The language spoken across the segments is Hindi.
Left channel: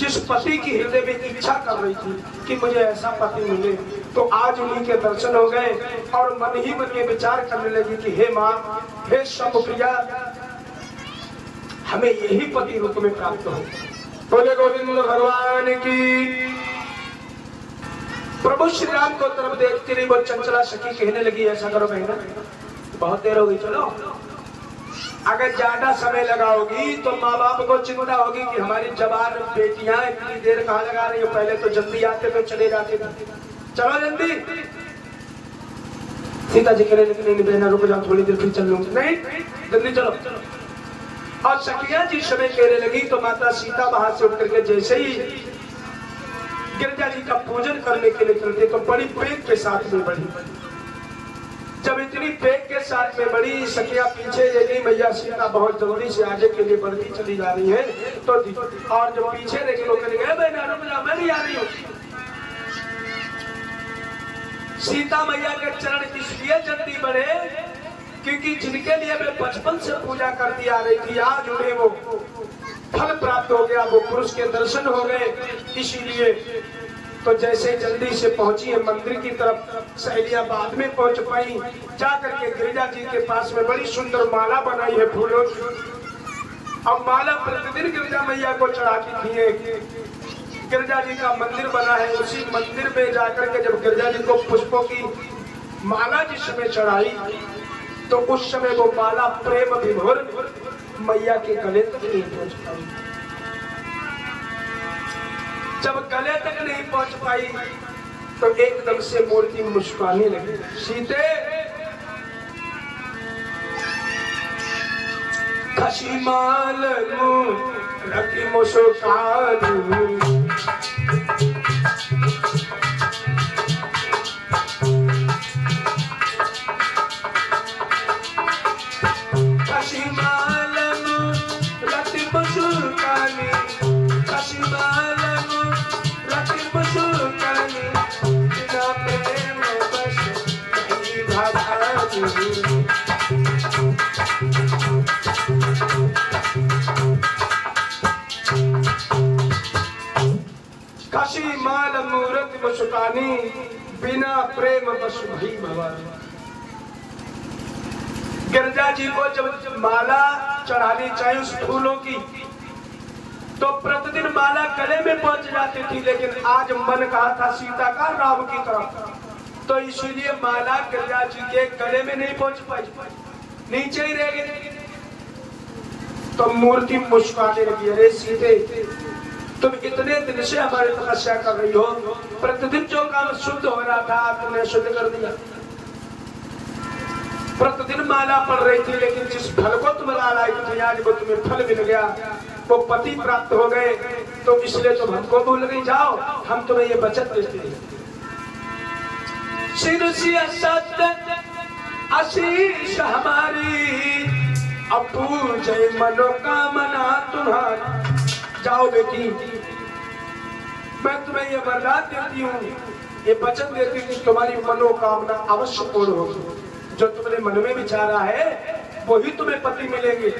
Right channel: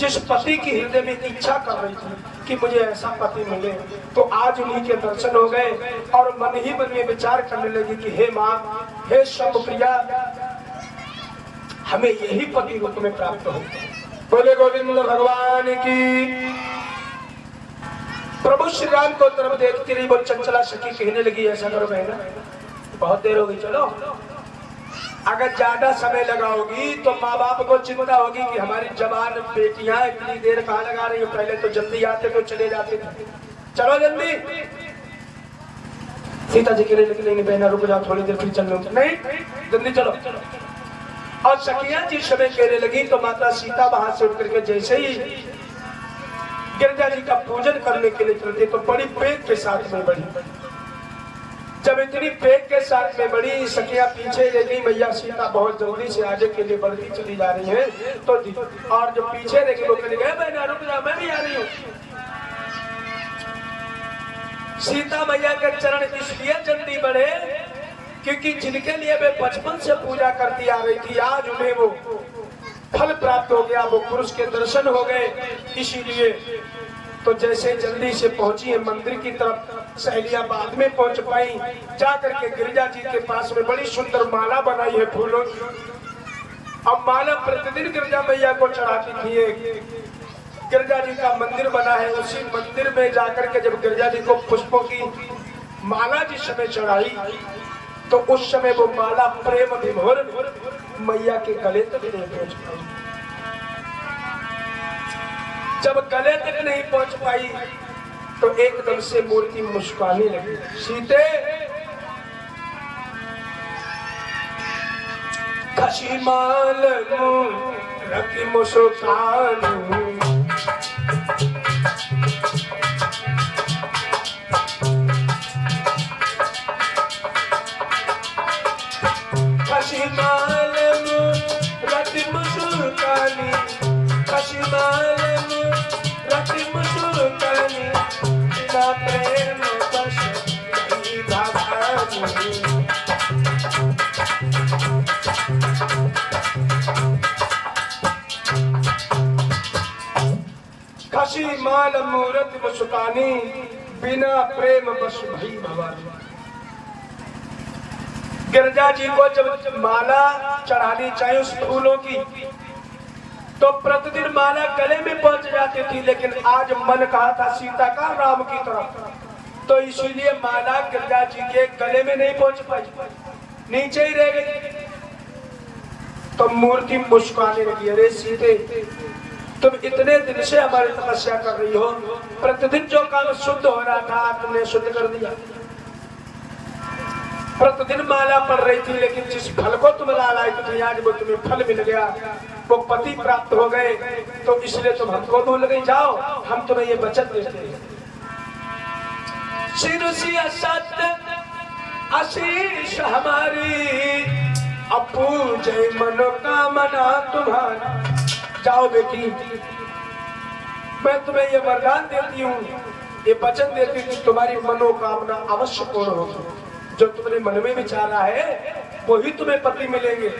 जिस पति की हृदय में इच्छा कर रही थी कि मुझे ऐसा पति मिले, तो आज उन्हीं के दर्शन हो गए और मन ही मन में विचार करने लगी कि हे माँ, हे शंभुप्रिया, हमें यही पति रूप में प्राप्त हो। बोले गोविंद भगवान की। प्रभु श्री राम को तरफ देखती रही, वो चंचला सखी कहने लगी, ऐसा करो बहना, बहुत देर हो गई, चलो अगर ज्यादा समय लगाओगी तो माँ बाप को चिंता होगी कि हमारी जवान बेटियां इतनी देर कहाँ लगा रही है, पहले तो जल्दी आते तो चले जाते थे, चलो जल्दी। सीता जी कह रहे बहना रुक जाओ, थोड़ी देर फिर चल लो, नहीं जल्दी चलो। और सखियां जिस समय कहने लगी तो माता सीता वहां से उठ करके जैसे ही गिरजा जी का पूजन करने के लिए चलते तो बड़ी पेट के साथ में बढ़ी। जब इतनी पेट के साथ में बड़ी, सखिया पीछे लगी, मैया सीता बहुत जल्दी से आगे के लिए बढ़ती चली जा रही है, तो और जो पीछे रह वो कहने गए, मैं नहीं आ रही हूँ। सीता मैया के चरण इसलिए जल्दी बढ़े क्योंकि जिनके लिए वे बचपन से पूजा करती आ रही थी, आज उन्हें वो फल प्राप्त हो गया, वो पुरुष के दर्शन हो गए। इसीलिए तो जैसे जल्दी से पहुंची है मंदिर की तरफ, सहेलियां बाद में पहुंच पाई, जाकर के गिरिजा जी के पास में बड़ी सुंदर माला बनाई है फूलों की। अब माला प्रतिदिन गिरिजा मैया को चढ़ाती थी। गिरिजा जी का मंदिर बना है, उसी मंदिर में जाकर के जब गिरिजा जी को पुष्पों की माला जिस समय चढ़ाई तो उस समय वो माला प्रेम विभोर मैया के गले तक नहीं पहुंच पाई। जब गले तक नहीं पहुंच पाई तो एकदम से मूर्ति मुस्कुराने लगी, सीते खसी माल रखी मुस्कान, खसी माल मूरत मुस्कानी, बिना प्रेम बस भई भवानी। गिरजा जी को जब माला चढ़ानी चाहिए उस फूलों की तो प्रतिदिन माला गले में पहुंच जाती थी, लेकिन आज मन कहा था सीता का राम की तरफ, तो इसलिए माला गिरजा जी के गले में नहीं पहुंच पाई, नीचे ही रह गई। तो मूर्ति मुस्कुराने लगी, अरे सीते तुम इतने दिन से हमारी तपस्या कर रही हो, प्रतिदिन जो काम शुद्ध हो रहा था तुमने शुद्ध कर दिया। प्रतिदिन माला पड़ रही थी, लेकिन जिस फल को तुम लाई थी आज वो तुम्हें फल मिल गया, वो पति प्राप्त हो गए, तो इसलिए तुम हमको भूल गई। जाओ हम तुम्हें ये वचन देते हैं, आशीष हमारी अपूजय मनोकामना तुम्हारी। जाओ बेटी, मैं तुम्हें ये वरदान देती हूँ, ये वचन देती हूँ, तुम्हारी मनोकामना अवश्य पूर्ण होगी। जो तुमने मन में विचारा है वही तुम्हें पति मिलेंगे।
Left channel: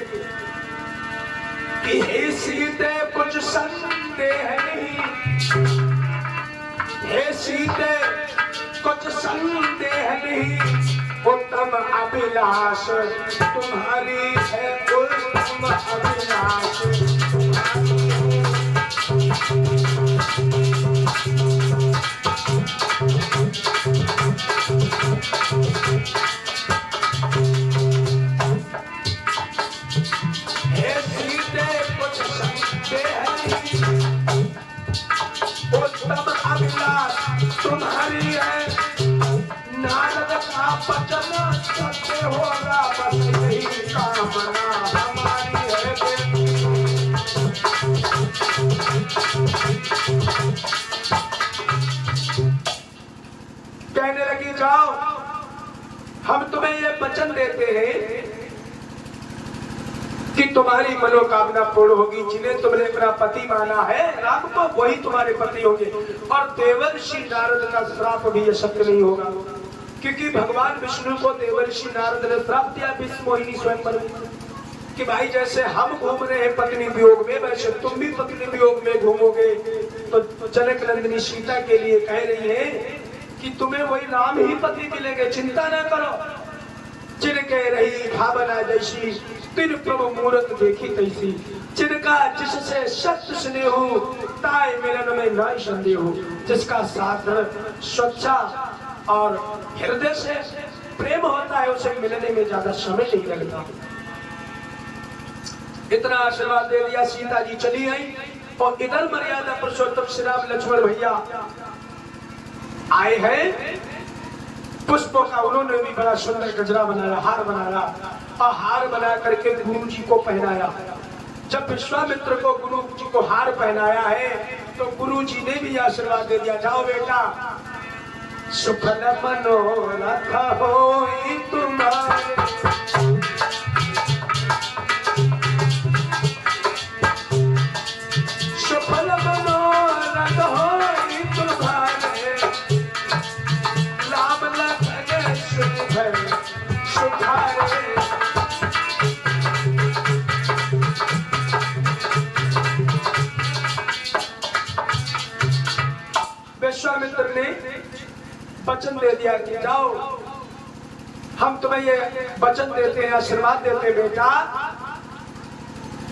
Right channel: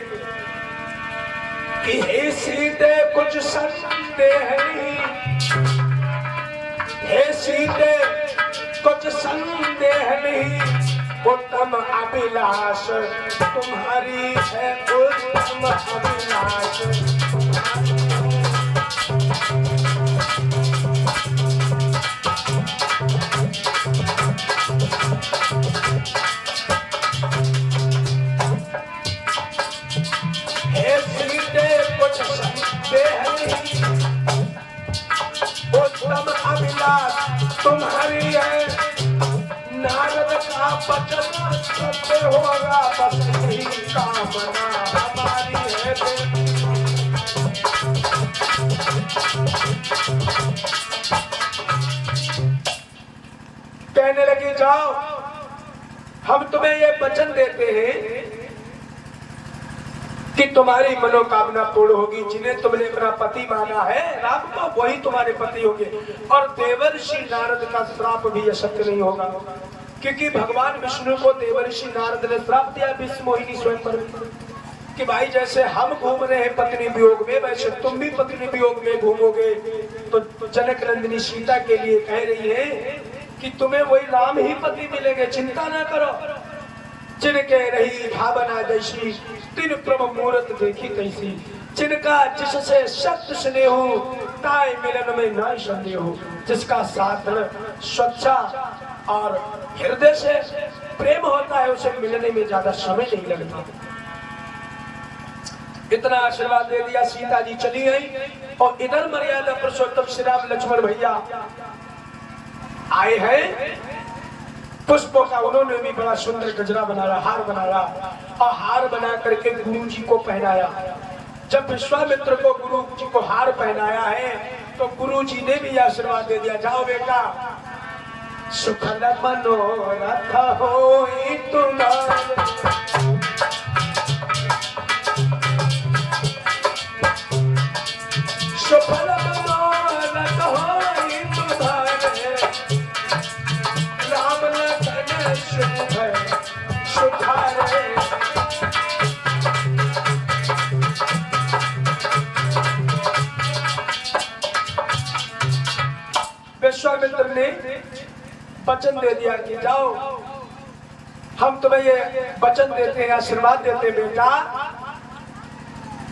कि हे सीते कुछ संदेह नहीं, हे सीते कुछ संदेह नहीं, उत्तम अभिलाष तुम्हारी है, उत्तम अभिलाष। हे सीते कुछ संदेह नहीं, उत्तम अभिलाष तुम्हारी है, नारद का वचन सत्य होगा, बस यही कामना हमारी है। कहने लगी जाओ हम तुम्हें ये वचन देते हैं कि तुम्हारी मनोकामना पूर्ण होगी। जिन्हें तुमने अपना पति माना है राम को, वही तुम्हारे पति होंगे। और देवर्षि नारद का श्राप भी ये सत्य नहीं होगा, क्योंकि भगवान विष्णु को देवर्षि नारद ने श्राप दिया विश्व मोहिनी स्वयं कि भाई जैसे हम घूम रहे हैं पत्नी वियोग में, वैसे तुम भी पत्नी वियोग में घूमोगे। तो जनक नंदिनी सीता के लिए कह रही है कि तुम्हें वही राम ही पति मिलेंगे, चिंता ना करो। जिनके रही भावना जैसी, तीन प्रभु मूर्त देखी तैसी, जिनका जिससे सत्य स्नेह, ताय मिलन में नाई संदेह, जिसका साधन स्वच्छा और हृदय से प्रेम होता है, उसे मिलने में ज्यादा समय नहीं लगता। इतना आशीर्वाद दे दिया, सीता जी चली आई। और इधर मर्यादा पुरुषोत्तम श्री राम लक्ष्मण भैया आए हैं। पुष्पों का उन्होंने भी बड़ा सुंदर गजरा बनाया, हार बनाया, और हार बना करके गुरु जी को पहनाया। जब विश्वामित्र को गुरु जी को हार पहनाया है तो गुरु जी ने भी आशीर्वाद दे दिया, जाओ बेटा सुफल मनोरथ होई तुम्हारे, सुफल मनोरथ होई तुम्हारे, राम लखन सुभय सुखारे। विश्वामित्र ने वचन दे दिया कि जाओ, हम तुम्हें ये वचन देते हैं, आशीर्वाद देते हैं बेटा,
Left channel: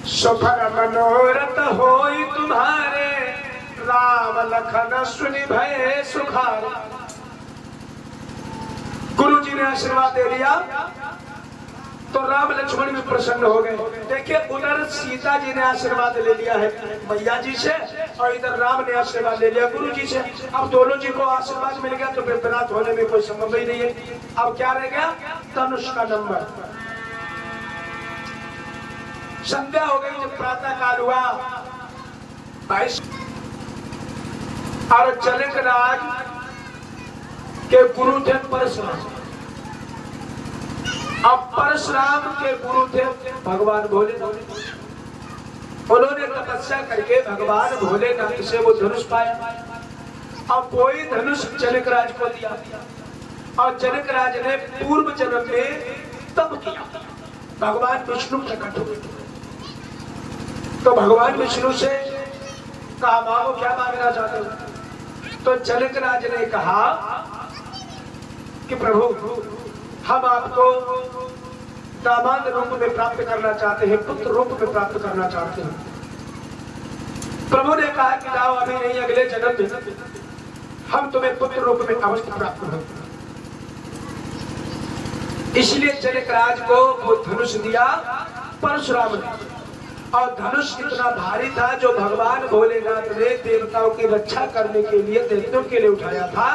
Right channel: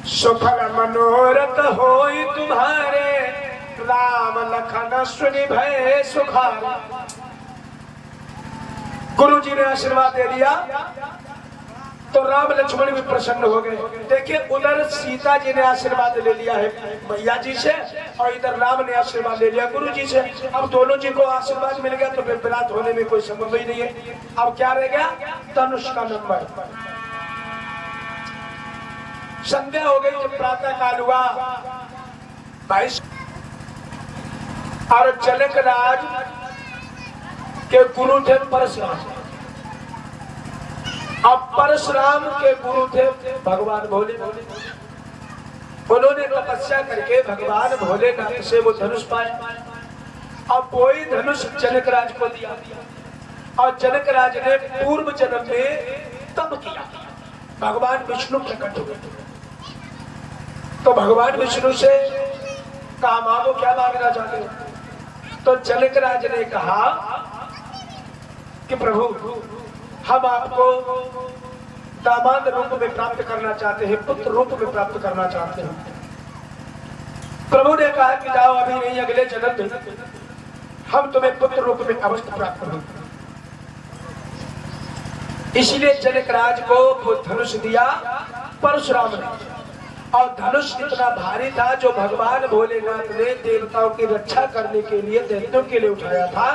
सुफल मनोरथ होई तुम्हारे, राम लखन सुनि भय सुखारे। गुरु जी ने आशीर्वाद दे दिया तो राम लक्ष्मण भी प्रसन्न हो गए। देखिए उधर सीता जी ने आशीर्वाद ले लिया है मैया जी से, और इधर राम ने आशीर्वाद ले लिया गुरु जी से। अब दोनों जी को आशीर्वाद मिल गया तो फिर विराट होने में कोई संभव ही नहीं है। अब क्या रह गया, धनुष का नंबर। संध्या हो गई, जब प्रातः काल हुआ, और जनक राज के गुरु थे परशुराम। अब परशुराम के गुरु थे भगवान भोलेनाथ। उन्होंने तपस्या करके भगवान भोलेनाथ से वो धनुष पाया। अब वही धनुष जनक राज को दिया, और जनक राज ने पूर्व जन्म में तप किया, भगवान विष्णु प्रकट हुए। तो भगवान विष्णु से कहा मांगो, क्या मांगना चाहते हो? तो जनक राज ने कहा कि प्रभु हम आपको दामाद रूप में प्राप्त करना चाहते हैं, पुत्र रूप में प्राप्त करना चाहते हैं। प्रभु ने कहा कि जाओ, अभी नहीं अगले जन्म में हम तुम्हें पुत्र रूप में अवश्य प्राप्त होंगे। इसलिए जनक राज को वो धनुष दिया परशुराम ने, और धनुष इतना भारी था जो भगवान भोलेनाथ ने देवताओं की रक्षा करने के लिए, दैत्यों के लिए उठाया था।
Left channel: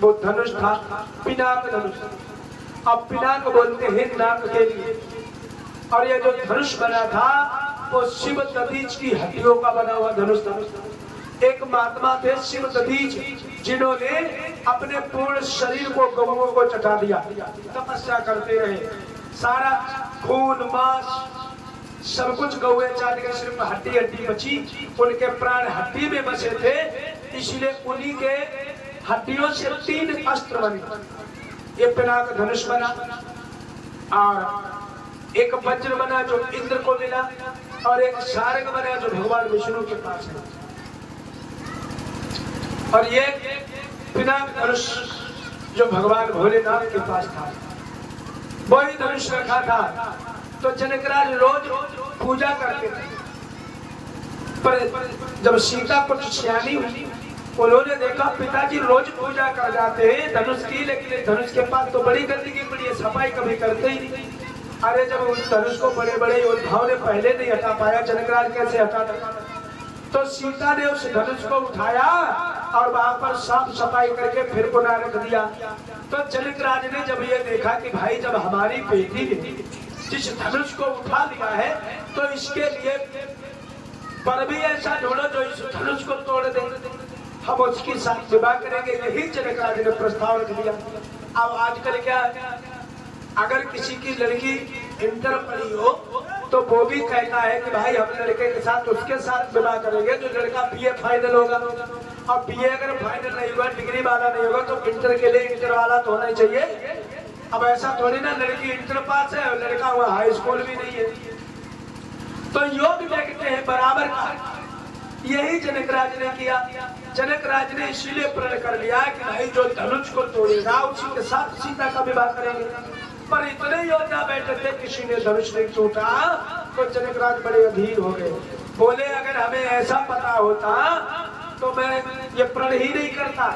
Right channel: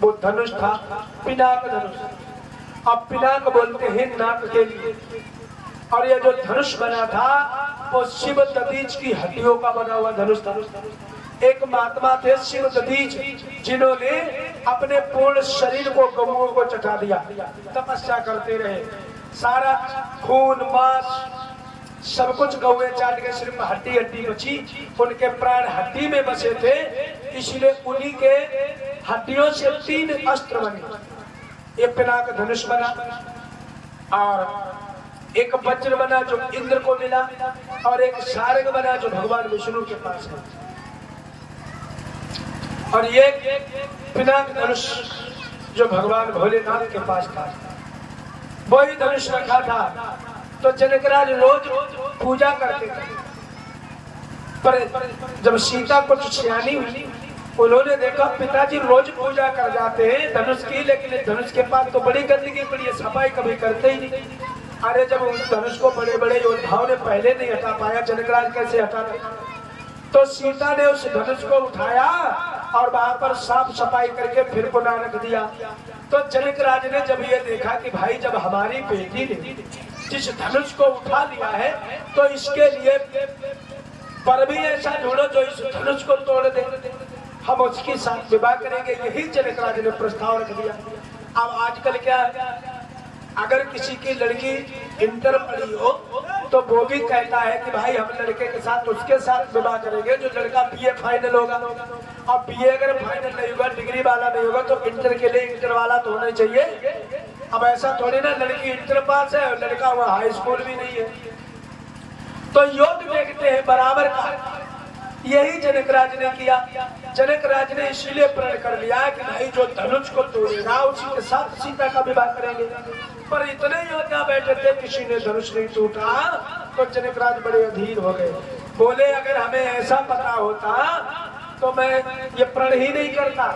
वो धनुष था पिनाक धनुष। अब पिनाक बोलते हैं नाक के लिए। और ये जो धनुष बना था वो शिव दधीच की हड्डियों का बना हुआ धनुष था। एक महात्मा थे शिव दधीच, जिन्होंने अपने पूर्ण शरीर को गौओं को चटा दिया, तपस्या करते रहे। सारा खून मांस सब कुछ गौए चाट के, सिर्फ हड्डी हड्डी बची, उनके प्राण हड्डी में बसे थे। इसलिए उन्हीं के हड्डियों से 3 अस्त्र बने। ये पिनाक धनुष बना, और एक वज्र बना जो इंद्र को मिला, और एक सारंग बना जो भगवान विष्णु के पास है। और ये पिनाक धनुष जो भगवान भोलेनाथ के पास था, वही धनुष रखा था। तो जनकराज रोज पूजा करते थे। पर जब सीता कुछ सियानी हुई, उन्होंने देखा पिताजी रोज पूजा कर जाते हैं धनुष की, लेकिन धनुष के पास तो बड़ी गंदगी पड़ी है, सफाई कभी करते ही नहीं। अरे जब उस धनुष को बड़े बड़े योद्धाओं ने पहले नहीं हटा पाया, जनकराज कैसे हटा देगा? तो सीता ने उस धनुष को उठाया और वहां पर साफ सफाई करके फिर पुनः रख दिया। तो जनकराज ने जब ये देखा कि भाई जब हमारी बेटी ने जिस धनुष को उठा लिया है, तो इसके लिए पर भी ऐसा ढूंढो जो इस धनुष को तोड़ दे, हम उसके साथ विवाह करेंगे। यही जनकराज ने प्रस्ताव रख दिया। अब आजकल क्या है, अगर किसी की लड़की इंटर पढ़ी हो तो वो भी कहता है कि भाई हम लड़के के साथ उसके साथ विवाह करेंगे जो लड़का बीए फाइनल होगा। अब बीए अगर फाइनल नहीं होगा, डिग्री वाला नहीं होगा, तो इंटर के लिए इंटर वाला तो होना ही चाहिए। अब ऐसा थोड़ी ना लड़की इंटर पास है और लड़का वहाँ हाई स्कूल भी नहीं है। तो योग देखते हैं बराबर का। यही जनक राज ने किया। जनक राज ने इसीलिए प्रण कर लिया कि नहीं, जो धनुष को तोड़ेगा उसी के साथ सीता का विवाह करेंगे। पर इतने योजना बैठे थे, किसी ने धनुष नहीं टूटा। तो जनक राज बड़े अधीर हो गए, बोले अगर हमें ऐसा पता होता तो मैं ये प्रण ही नहीं करता।